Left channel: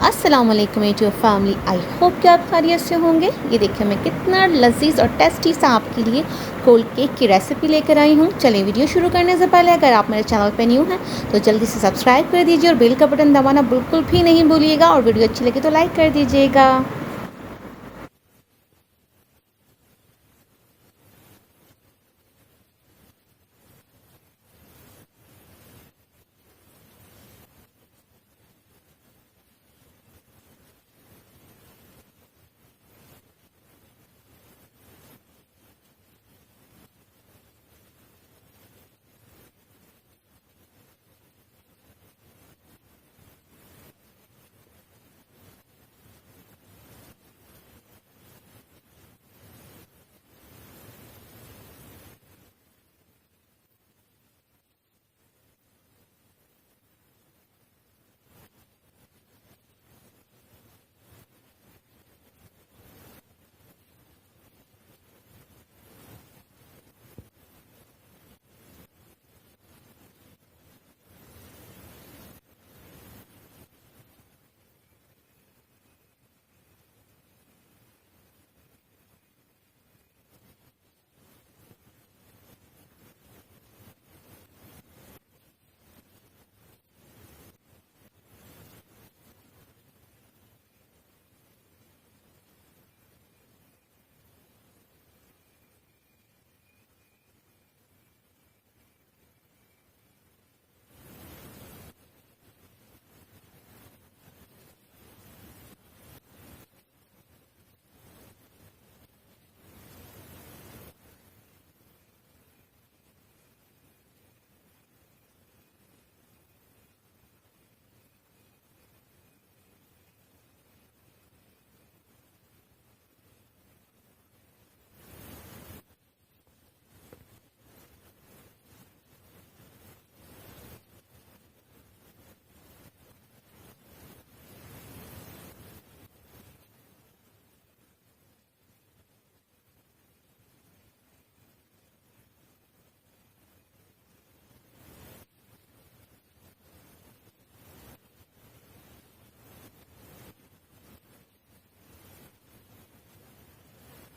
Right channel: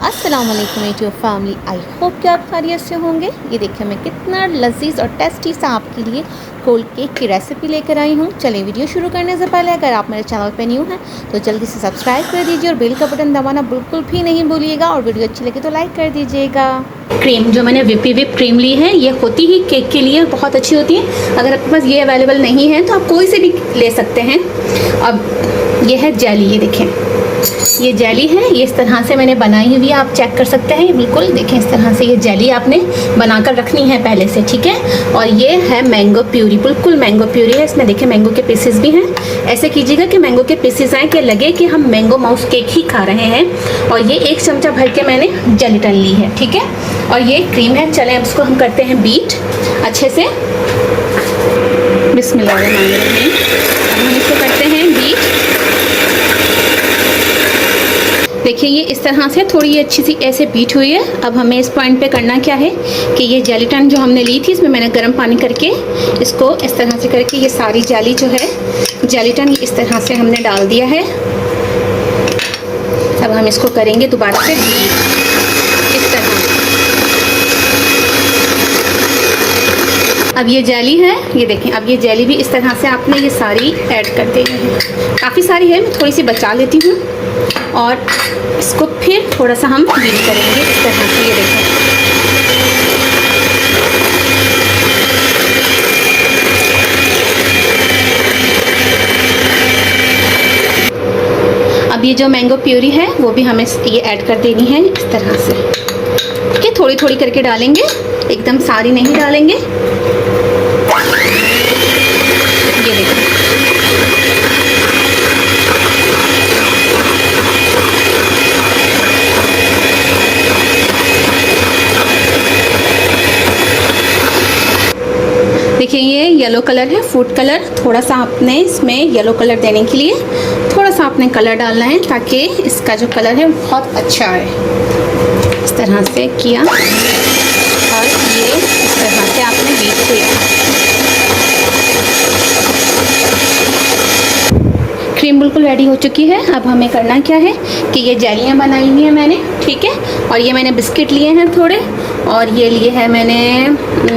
अस्सलाम वालेकुम YouTube family, I hope कि आप खैरियत से होंगे। ये देखिए मैं कितना लजीज और टेस्टी सा आपके लिए कोल्ड केक की रेसिपी लेकर आई हूँ। चलें वीडियो शुरू करने से पहले अगर आप मेरे चैनल पे न्यू हैं तो जल्दी से सब्सक्राइब कर दीजिए और बेल का बटन दबाना बिल्कुल भी नहीं भूलिएगा और वीडियो अच्छी लगे तो लाइक कर दीजिएगा। क्रीम जो मैंने विप क्रीम ली है, ये होती ही केक के लिए बहुत अच्छी होती है। अगर आपके पास ये अवेलेबल नहीं है तो आप कोई से भी ले सकते हैं। अब ये है जेली, ये देखें ये जेली है, ये इस तरह से मैंने बनाई हुई है, आप चेक कर सकते हैं। ये बिल्कुल देखें इस तरह से ये जेली आपने बनाकर रखनी है पहले से, ठीक है। और ये है मैंगो प्यूरी, बिल्कुल मैंगो प्यूरी है। इसमें देखें मैंगो के पीसेस भी हैं। ऐसे कीजिएगा कि मैंगो के पीसेस आए कि लगे कि हम मैंगो माउस केक ही खा रहे हैं। और ये 1 चमचा भर के मैंने जेलीटन ली है, ठीक है। और ये क्रीम है। चलें अब इसको हम करते हैं बीट अच्छे से। बिस्मिल्लाहिर्रहमानिर्रहीम। हम इसको करते हैं बीट। देखिए ये इस तरह से थोड़ी अच्छी सी ऐसे बीट हुई है। अब हमें इस पॉइंट पे करना क्या है कि ये जेलीटन जो हमने ली थी, इसमें मैंने गर्म पानी करके इसको इस तरह से करके ये सारी जेली जो है जेलीटन इस तरह से हमने डाल दिया है। अब हम इसको करेंगे दोबारा से इस तरह। अब ये जेली है, ये देखें। अब ये जेली भी इस तरह से आपने ये सारी ऐड कर देनी है। काफ़ी सारी है, मैं थोड़ी सी बचा लेती हूँ और इसको फिर थोड़ा सा हम बीट करेंगे इस तरह से। ये देखें अब ये जो मैंगो प्यूरी है वो भी हमें ये ऐड कर देनी है इस तरह से, ठीक है। थोड़ी थोड़ी करके डालेंगे, एकदम सारी नहीं डालेंगे। ये देखें देखिए ये येलो कलर है, फूड कलर। थोड़ा सा आपने इसमें येलो कलर देने के लिए थोड़ा सा आपने कलर डालना है ताकि इसका जो कलर है बहुत अच्छा है। इस तरह से किया और ये इस तरह से आपने बीट किया। क्रीम बिल्कुल रेडी हो चुकी है। अब हमें करना क्या है कि ये जेलियाँ बनाई हुई हैं मैंने, ठीक है। और ये मैंने बिस्किट लिए हैं थोड़े, और ये लिए है मैंने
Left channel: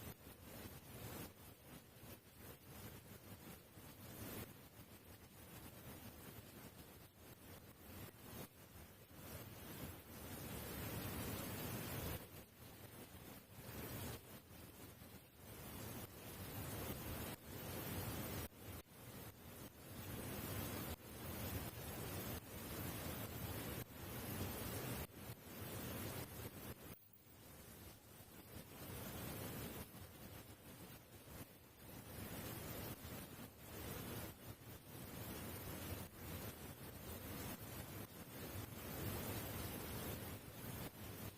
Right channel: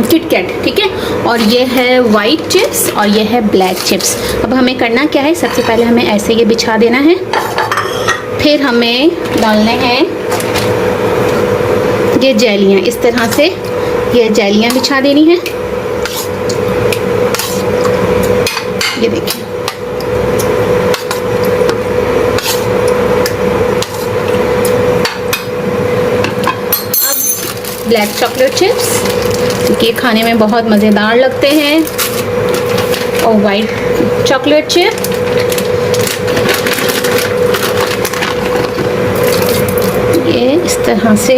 किटकैट, ठीक है। और ये है वाइट चिप्स और ये है ब्लैक चिप्स। अब हमें करना क्या है, सबसे पहले हमें ऐसे ये बिछा देना है, फिर हमें डालने हैं ये जेलियाँ इस तरह से। ये जेलियाँ बिछा देनी है, ये देखिए। ब्लैक चॉकलेट चिप्स, क्योंकि ये खाने में बहुत मज़ेदार लगते हैं। और वाइट चॉकलेट चिप, ये इस तरह से,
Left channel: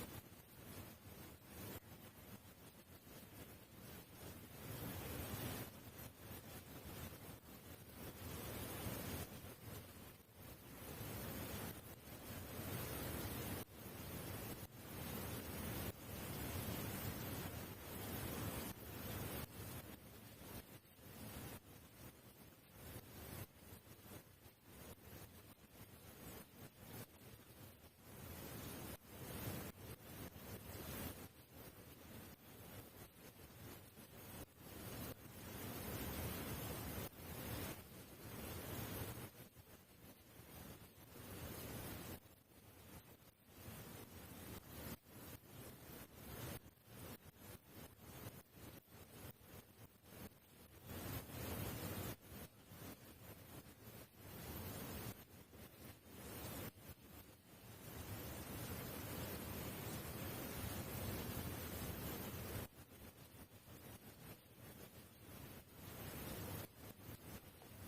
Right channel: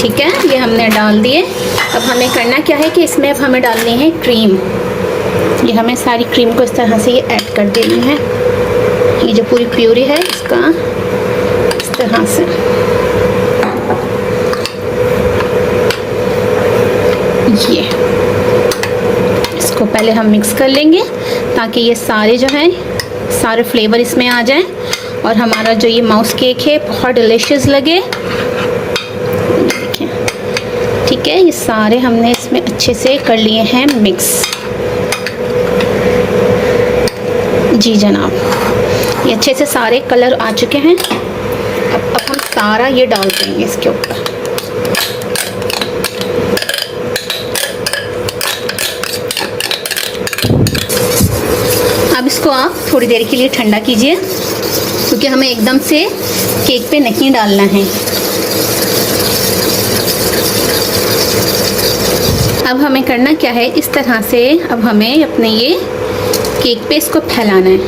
ठीक है। ये हमने डाल दिए। अब हमें करना क्या है कि इसमें अब हमें डालनी है क्रीम। ये हमें सारी क्रीम को इस तरह से ये ऐड कर देनी है। ये जो पूरी प्यूरी है इसका इस तरह से ये इसको पहले हम मिक्स कर लेंगे ताकि ये सारे जो हैं सारे फ्लेवर इसमें आ जाएं और हमारा जो ये माउस केक है बहुत डिलीशियस लगे। देखिए, ठीक है। ये सारे हमने इसमें अच्छे से कर लिए हैं मिक्स। जी जनाब, ये अच्छे से सारे कलर आ चुके हैं। अब हम सारा ये डाल देंगे इसके ऊपर। अब इसको आप थोड़ी देर के लिए ठंडा कीजिए, क्योंकि हमें एकदम से केक पे नहीं डालना है। अब हमें करना क्या है, इस तरह से अब हमें अपने ये केक पे इसको फैलाना है।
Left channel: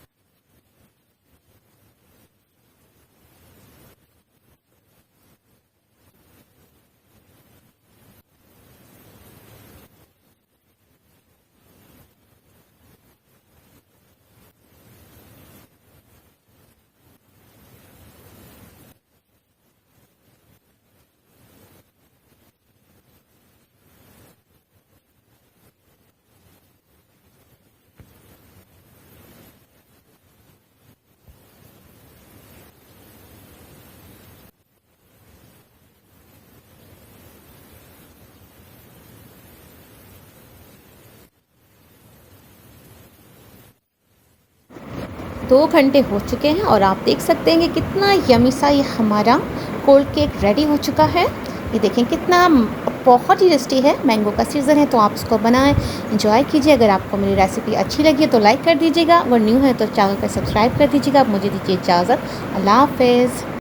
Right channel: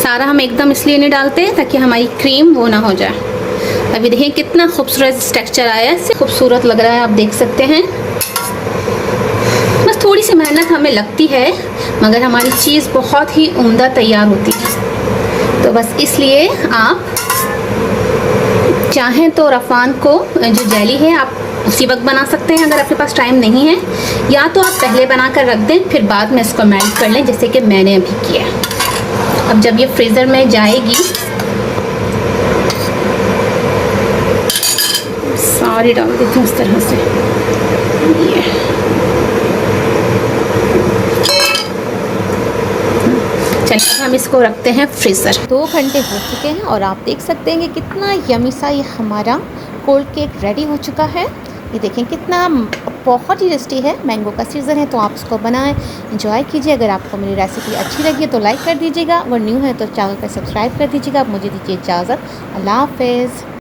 सारा हम एकदम इसलिए नहीं डालते ताकि हमारी क्रीम वो ना हो जाए। अभी देखिए कितना खूबसूरत टेक्सचर आया है, खूबसूरत लग रहा है, आप देख सकते हैं। बस थोड़ी सी मेहनत हमें लगती है मगर हमारी चीज़ बहुत ही उम्दा तैयार होती है। तो बस इसलिए आप चाहें तो रफ़ान को जो जेली है आप उसी वक्त बना सकते हैं अगर आपके पास टाइम नहीं है, या तो आप पहले बना कर रख दें फिर बाद में इसको मेल्ट कर लें जैसे कि मैंने अभी किया। अब जब ये फ्रीज़र में जाएगी सारी डाल देती हूँ इस तरह से। ये चलिए हम इसको रखते हैं फ्रीज़र। 2 घंटे हो चुके हैं और आप देख सकते हैं कि कितना यमी सा ये हमारा कोल्ड केक रेडी हो चुका है। ये देखें कितना बहुत ही टेस्टी है। मैंगो का सीज़न है तो आप इसको बनाएं, एंजॉय कीजिए। अगर आपको मेरी रेसिपी अच्छी लगी तो लाइक कर दीजिएगा, अगर न्यू है तो चैनल को सब्सक्राइब कर दीजिएगा। आप मुझे दीजिए इजाज़त। अल्लाह हाफ़िज़।